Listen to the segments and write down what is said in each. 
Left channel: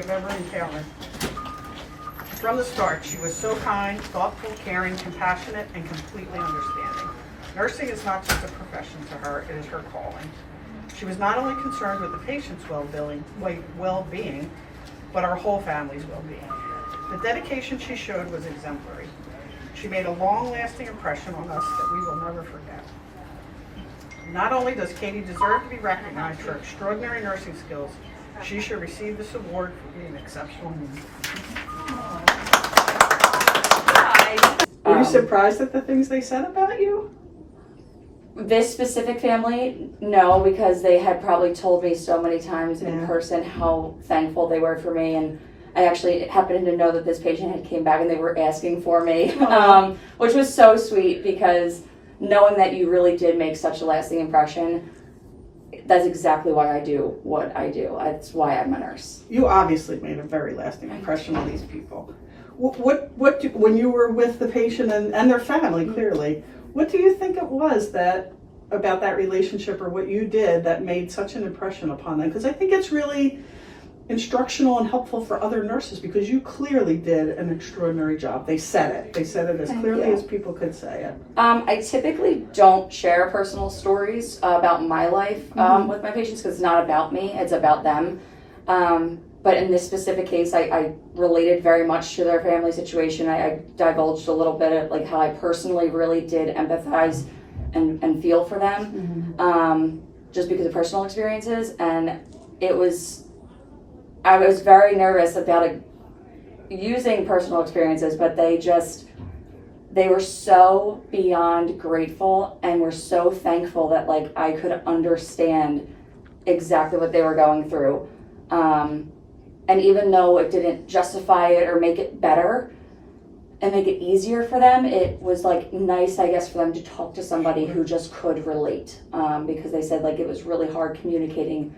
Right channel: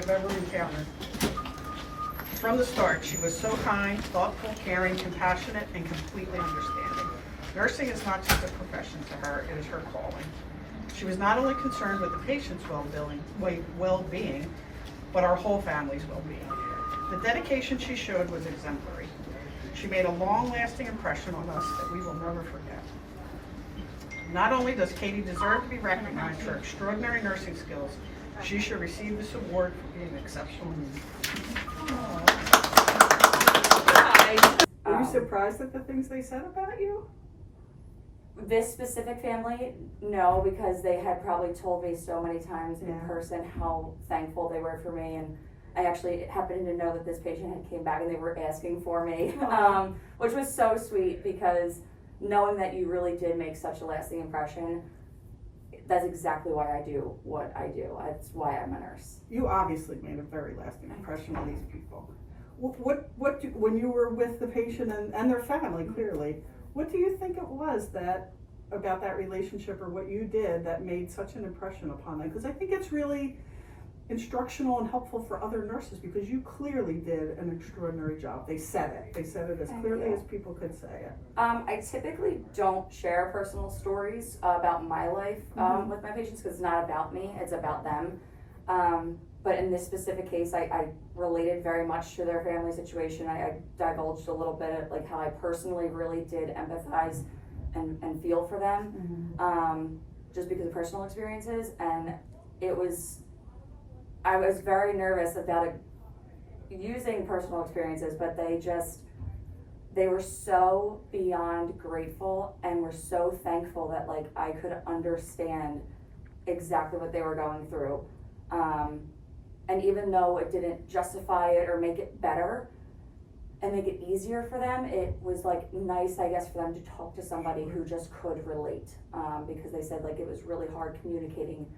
have ever encountered. From the start, she was so kind, thoughtful, caring, compassionate, and completely understanding. Nursing is not just a profession to her, it is her calling. She was not only concerned with the patient's well-being, but our whole family's well-being. The dedication she showed was exemplary. She made a long-lasting impression on us that we will never forget. Not only does Katie deserve to be recognized for extraordinary nursing skills, she should receive this award for being an exceptional human. Were you surprised at the things they said about you? This specific family, no, because they had probably told me so many times in person how thankful they were for me, and I actually happened to know that this patient had came back and they were asking for me, which was so sweet because knowing that you really did make such a lasting impression, that's exactly why I do what I do. That's why I'm a nurse. You obviously made a very lasting impression on these people. When you were with the patient and their family, clearly, what do you think it was about that relationship or what you did that made such an impression upon them? Because I think it's really instructional and helpful for other nurses because you clearly did an extraordinary job. They said it. They said it as clearly as people could say it. I typically don't share personal stories about my life with my patients because it's not about me, it's about them. But in this specific case, I related very much to their family situation. I divulged a little bit of like how I personally really did empathize and feel for them, just because of personal experiences. And I was very nervous about using personal experiences, but they were so beyond grateful and were so thankful that like I could understand exactly what they were going through. And even though it didn't justify it or make it better and make it easier for them, it was like nice, I guess, for them to talk to somebody who just could relate, because they said like it was really hard communicating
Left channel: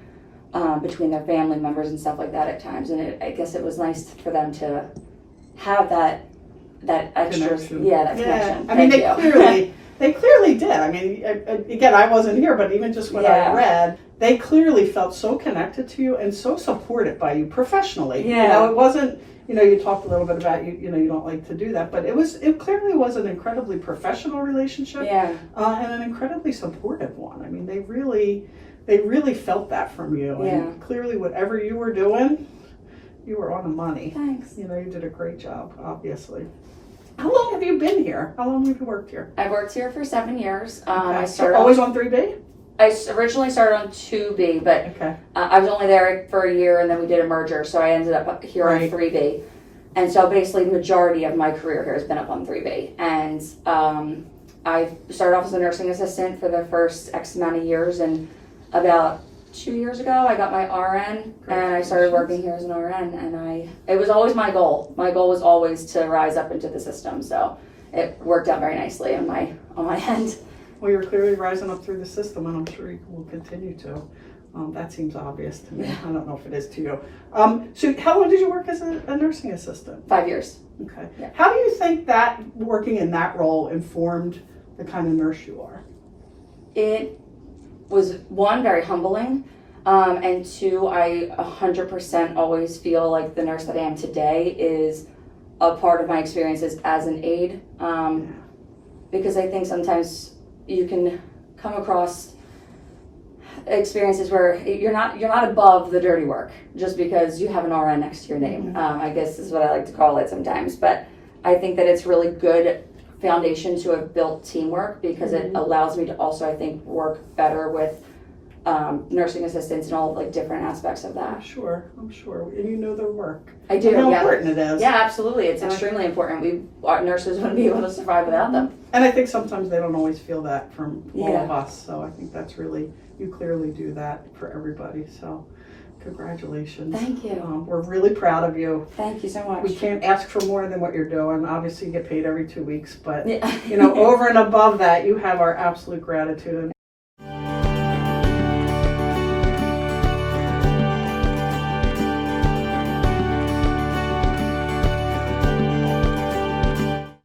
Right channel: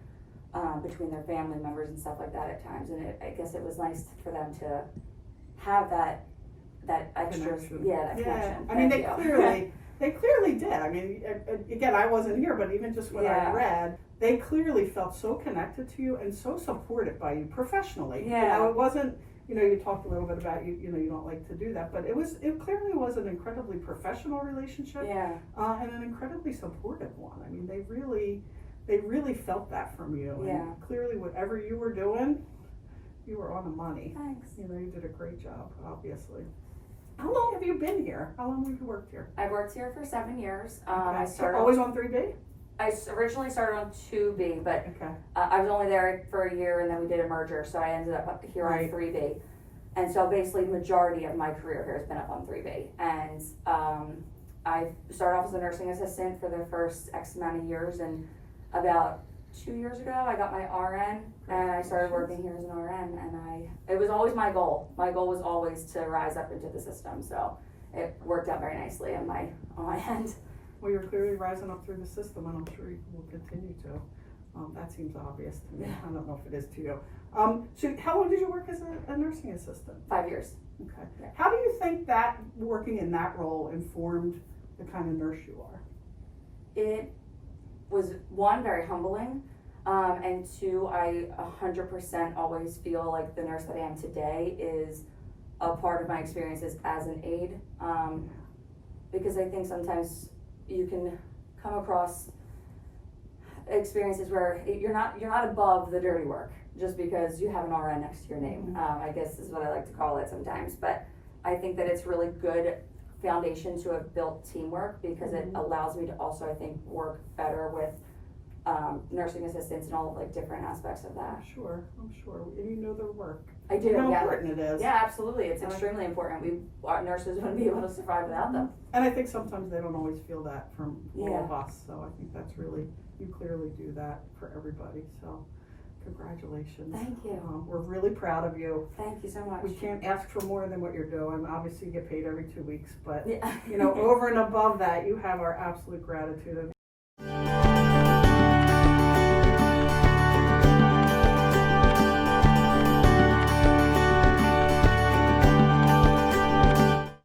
between their family members and stuff like that at times. And I guess it was nice for them to have that extra connection. That connection. I mean, they clearly did. I mean, again, I wasn't here, but even just what I read, they clearly felt so connected to you and so supported by you professionally. Yeah. You know, it wasn't, you talked a little bit about you don't like to do that, but it clearly was an incredibly professional relationship. Yeah. And an incredibly supportive one. I mean, they really felt that from you. Yeah. And clearly whatever you were doing, you were on the money. Thanks. You did a great job, obviously. How long have you been here? How long have you worked here? I worked here for 7 years. Okay. I started always on 3B? I originally started on 2B, but Okay. I was only there for a year and then we did a merger, so I ended up here on 3B. And so basically the majority of my career here has been up on 3B. And I started off as a nursing assistant for the first X amount of years, and about 2 years ago I got my RN and I started working here as an RN, and it was always my goal. My goal was always to rise up into the system, so it worked out very nicely on my end. Well, you're clearly rising up through the system, and I'm sure you will continue to. That seems obvious to me. I don't know if it is to you. So how long did you work as a nursing assistant? 5 years. Okay. Yeah. How do you think that working in that role informed the kind of nurse you are? It was, one, very humbling, and two, I 100% always feel like the nurse that I am today is a part of my experiences as an aide, because I think sometimes you can come across experiences where you're not above the dirty work just because you have an RN next to your name. I guess is what I like to call it sometimes, but I think that it's really good foundation to have built teamwork because it allows me to also, I think, work better with nursing assistants and all of like different aspects of that. I'm sure, and you know their work. I do. How important it is. Yeah, absolutely. It's extremely important. Our nurses wouldn't be able to survive without them. And I think sometimes they don't always feel that from all of Yeah. us. So I think that's really, you clearly do that for everybody. So congratulations. Thank you. We're really proud of you. Thank you so much. We can't ask for more than what you're doing. Obviously you get paid every 2 weeks, but Yeah. over and above that, you have our absolute gratitude.